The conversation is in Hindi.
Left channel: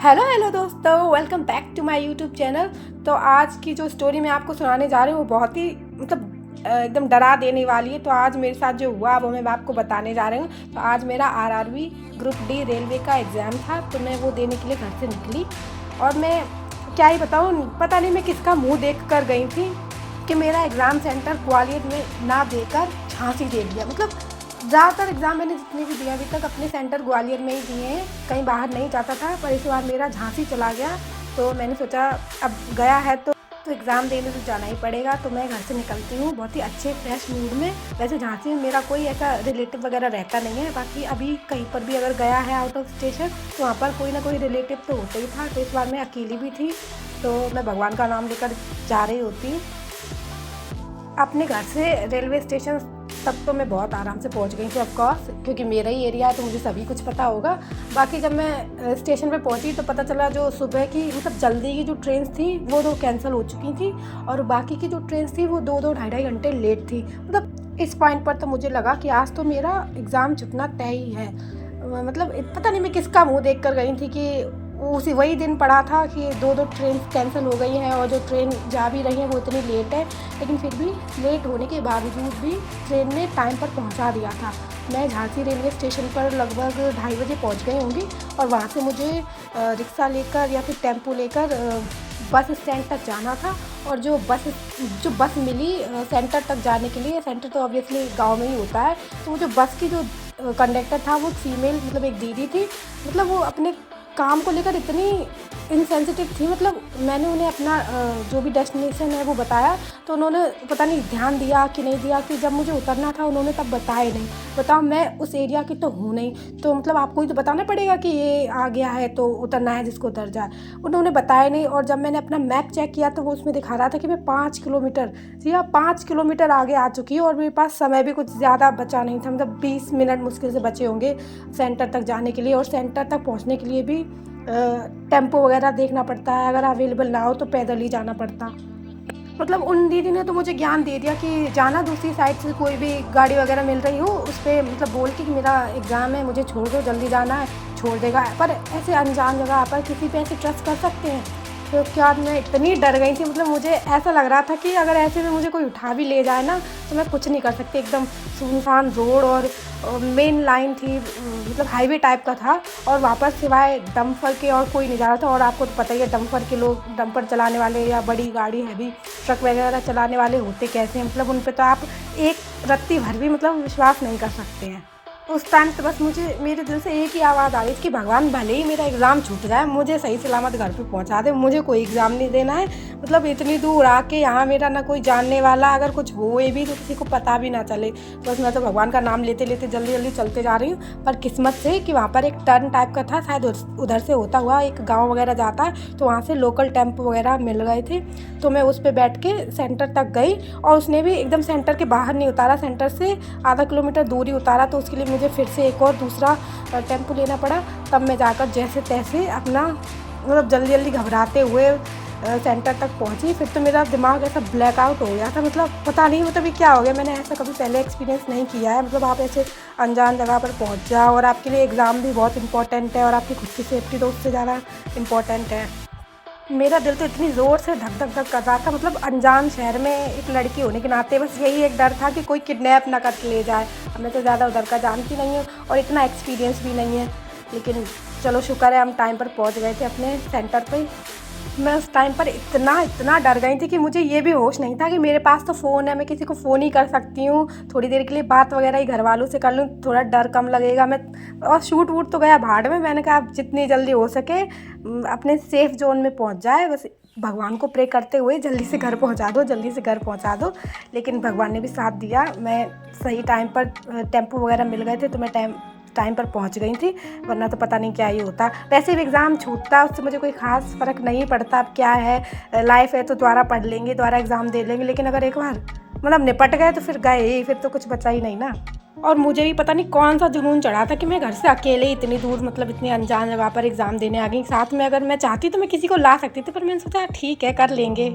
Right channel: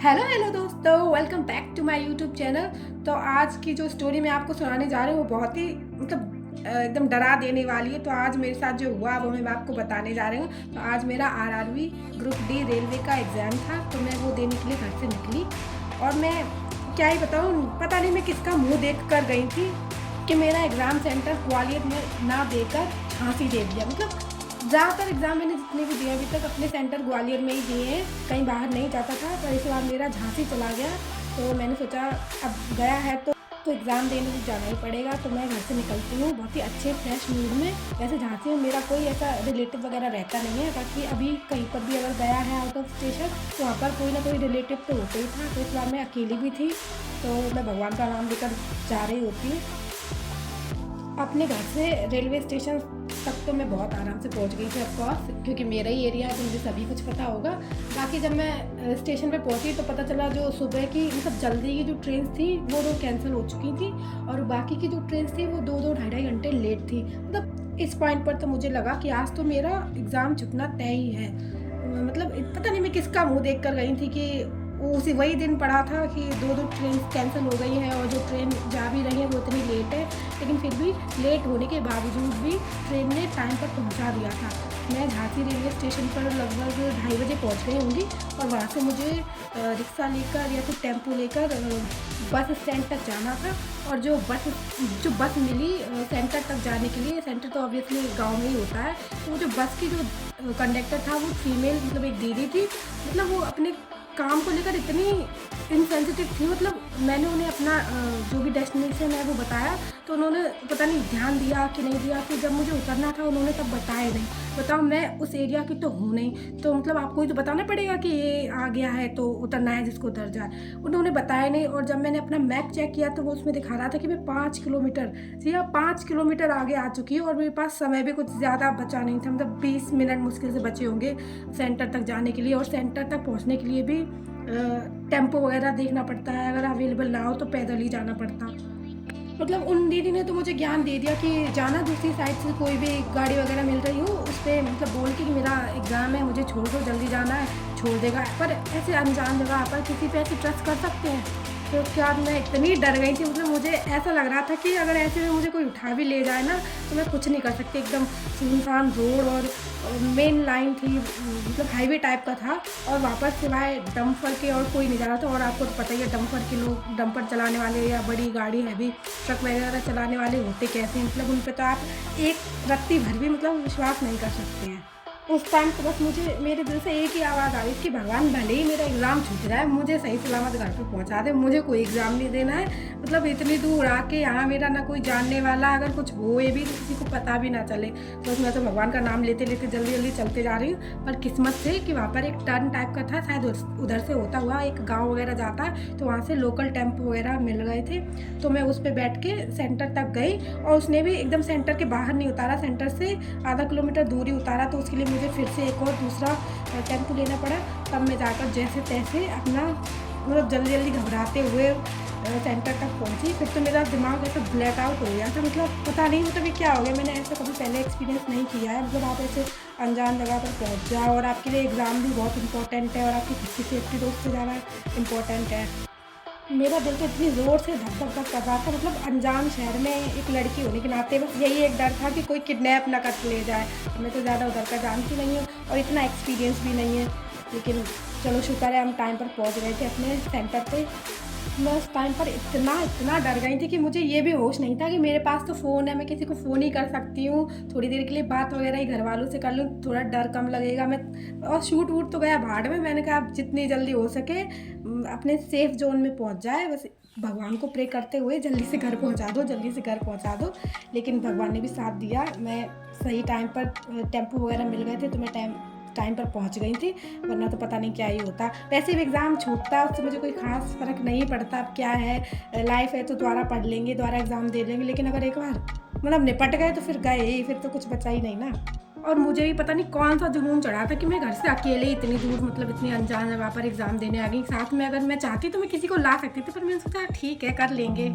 हेलो हेलो दोस्तों, welcome back to my YouTube channel. तो आज की जो स्टोरी मैं आपको सुनाने जा रही हूँ वो बहुत ही एकदम डरा देने वाली है। तो आज मेरे साथ जो हुआ वो मैं आपको बताने जा रही हूँ। तो आज मेरा आरआरबी ग्रुप डी रेलवे का एग्ज़ाम था, तो मैं वो देने के लिए घर से निकली। और मैं क्या ही बताऊँ, पता नहीं मैं किसका मुँह देख कर गई थी कि मेरा एग्ज़ाम सेंटर ग्वालियर में ना देकर झांसी दे दिया। मतलब ज़्यादातर एग्ज़ाम मैंने जितने भी दिए अभी तक अपने सेंटर ग्वालियर में ही दिए हैं, कहीं बाहर नहीं जाता था। पर इस बार मेरा झांसी चला गया, तो मैंने सोचा अब गया है तो एग्ज़ाम देने तो जाना ही पड़ेगा। तो मैं घर से निकलती हूँ बहुत ही अच्छे फ्रेश मूड में। वैसे झांसी में मेरा कोई ऐसा रिलेटिव वगैरह रहता नहीं है, बाकी अभी कहीं पर भी अगर गया है आउट ऑफ स्टेशन तो वहाँ पर कोई ना कोई रिलेटिव तो होता ही था। तो इस बार मैं अकेली भी थी, तो मैं भगवान का नाम लेकर जा रही होती हूँ। अपने घर से रेलवे स्टेशन तक तो मैं बहुत आराम से पहुंच गई थी ऑफकोर्स, क्योंकि मेरा ही एरिया है तो मुझे सभी कुछ पता होगा। बाकी जब मैं स्टेशन पे पहुंची तो पता चला जो सुबह की जल्दी की जो ट्रेन थी वो 2 कैंसिल हो चुकी थी, और बाकी की जो ट्रेन थी वो 2-2 ढाई घंटे लेट थी। इस पॉइंट पर तो मुझे लगा कि आज तो मेरा एग्ज़ाम छुटना तय ही है। पता नहीं मैं किसका मुँह देख कर गई थी कि उसी वही दिन पड़ा था कि 2-2 ट्रेन कैंसिल हो गई हैं, और जो ट्रेन जा भी रही हैं वो इतनी लेट है। लेकिन फिर भी लेट होने के बावजूद भी ट्रेन ने टाइम पर पहुंचा दिया था। मैं झांसी रेलवे स्टेशन पर लगभग 2:30 बजे पहुंच गई होंगी, और वहां से मुझे रिक्शा लेकर या फिर टेम्पो लेकर बस स्टैंड तक जाना था। और जो बस मिली सेंटर तक जाने के लिए, सेंटर तो ऑब्वियसली गाँव में ही होता है, तो वो जो बस की जो कंडक्टर था वो फीमेल एक दीदी थी। वो अपने काम को लेकर इतनी इनसेंसिटिव थी। मैंने उन्हें अपना जो भी डेस्टिनेशन है वो बताया, तो उन्होंने पता नहीं ध्यान दिया कि नहीं दिया कि जब मुझे उतरना था उन्होंने तब बताया नहीं। बताओ, मैं उस एरिया की तो हूँ नहीं, तो आपको ही तो बताना पड़ेगा कि ये आ गया है तो उतरना है जिसको उतर जाए। उन्होंने बताया नहीं, और जब मैंने अपना मैप चेक किया तो वो उसमें दिखा रहा था कि मैं 5 किलोमीटर, जी हाँ 5 किलोमीटर आगे आ चुकी हूँ। और मेरे पास समय भी कुछ ज़्यादा बचा नहीं था, 20 मिनट मुश्किल से बचे होंगे सेंटर तक जाने के लिए। और सेंटर तक पहुँचने के लिए भी टेम्पो वगैरह देखना पड़ता है, अगर अवेलेबल ना हो तो पैदल ही जाना पड़ता। उन दीदी ने तो मुझे ज्ञान दे दिया कि जाना दूसरी साइड से कोई भी गाड़ी वगैरह मिल रही हो उस पर बोल के कि मेरा एग्ज़ाम है, मुझे छोड़ दो, जल्दी जाना है, छोड़ देगा। पर ऐसे अनजान जगह पर किसी पे ऐसे ट्रस्ट कर सकते हैं? तो क्या मैं इतनी डर गई थी, मुझे ऐसा लग रहा था कि अगर ऐसे में मुझे कोई उठा भी ले जाए ना तो मैं कुछ नहीं कर सकती। एकदम सुनसान रोड, और मेन लाइन थी, हाईवे टाइप का था, और वहाँ पर सिवाय डंपर के और कोई नहीं जा रहा था। और आपको तो पता ही है डंपर के लोग, डंपर चलाने वाले या बड़ी गाड़ी हैवी ट्रक वगैरह चलाने वाले होते कैसे हैं। उन पे तो आप एक रत्ती भर भी विश्वास नहीं कर सकते हैं। उस टाइम तो बस मुझे मेरे दिल से एक ही आवाज़ आ रही थी कि भगवान भले ही मेरा एग्ज़ाम छूट जाए, मुझे सही सलामत घर पे पहुंचा दे, मुझे कोई एग्ज़ाम नहीं देना है। इतनी दूर आके यहाँ मेरा ना कोई जानने वाला, अगर कुछ होए भी तो किसी को पता भी ना चले। बस मैं तो भगवान का नाम लेते लेते जल्दी जल्दी चलते जा रही हूँ। पर किस्मत से कि वहाँ पर एक टर्न टाइप का था, शायद उधर से होता हुआ एक गाँव वगैरह जाता है, तो वहाँ से लोकल टेम्पो वगैरह मिल गए थे। तो मैं उस पर बैठ के सेंटर तक गई, और उसने भी एकदम सेंटर के बाहर नहीं उतारा, सेंटर से आधा किलोमीटर दूरी उतारा। तो उसके लिए मुझे फिर से एक और दूसरा टेम्पो लेना पड़ा। तब मैं जाकर जैसे तैसे अपना जल्दी जल्दी घबराते हुए सेंटर तक पहुंची। फिर तो मेरा दिमाग ऐसा ब्लैकआउट हो गया था, पता नहीं ये क्या हो गया। मैंने ऐसा कभी पहले एक्सपीरियंस नहीं किया है। आप ऐसे अनजान जगह पर पहुंच जाओ, और आपके लिए एग्ज़ाम भी बहुत इंपॉर्टेंट है, और आपकी खुद की सेफ्टी तो उससे ज़्यादा इम्पॉर्टेंट है। मेरा दिल तो इतनी ज़ोर से धक धक धक कर रहा था। अनजान शहर में एक लड़की होने के नाते बस यही एक डर था कि कोई किडनैप ना करके ले जाए। अब मैं तो ज़्यादा उधर का जानती नहीं हूँ और इतना एक्सपीरियंस भी नहीं है, लेकिन चलो शुक्र है हम टाइम पर पहुँच गए थे अपने सेंटर पर। मैं उस टाइम पर इतना डर गई थी कि मुझे ये भी होश नहीं था कि मेरे पास तो फ़ोन है, मैं किसी को फ़ोन ही कर सकती हूँ, थोड़ी देर के लिए बात वगैरह ही घर वालों से कर लूँ, थोड़ा डर कम लगेगा। और शूट वूट तो गया भाड़ में। मैंने कहा आप जितनी जल्दी हो सके अपने सेफ़ जोन में पहुँच जाए, बस भगवान को प्रे करते हुए जल्दी से घर पहुँचा दो, जल्दी से घर पहुँचा दो। लेकिन भगवान ने भी साथ दिया, मैं सही टाइम पर टेम्पो वगैरह मिल गए थे, तो मैं टाइम पर पहुंच गई थी, वरना तो पता नहीं क्या ही होता। वैसे भी एग्ज़ाम छूटता, उससे मुझे कोई ख़ास फ़र्क नहीं पड़ता। अब क्या है, लाइफ है तो दोबारा पढ़ लेंगे, दोबारा एग्ज़ाम दे लेंगे। लेकिन अगर एक बार निपट गए तो फिर गए ही, फिर तो कुछ बचा ही नहीं ना। और मुझे भी पता नहीं कौन सा जुनून चढ़ा था कि मैं घर से अकेले इतनी दूर इतनी अनजान जगह पर एग्ज़ाम देने आ गई। साथ में अगर मैं चाहती तो मैं किसी को ला सकती थी, पर मैंने सोचा ठीक है कर लेंगे।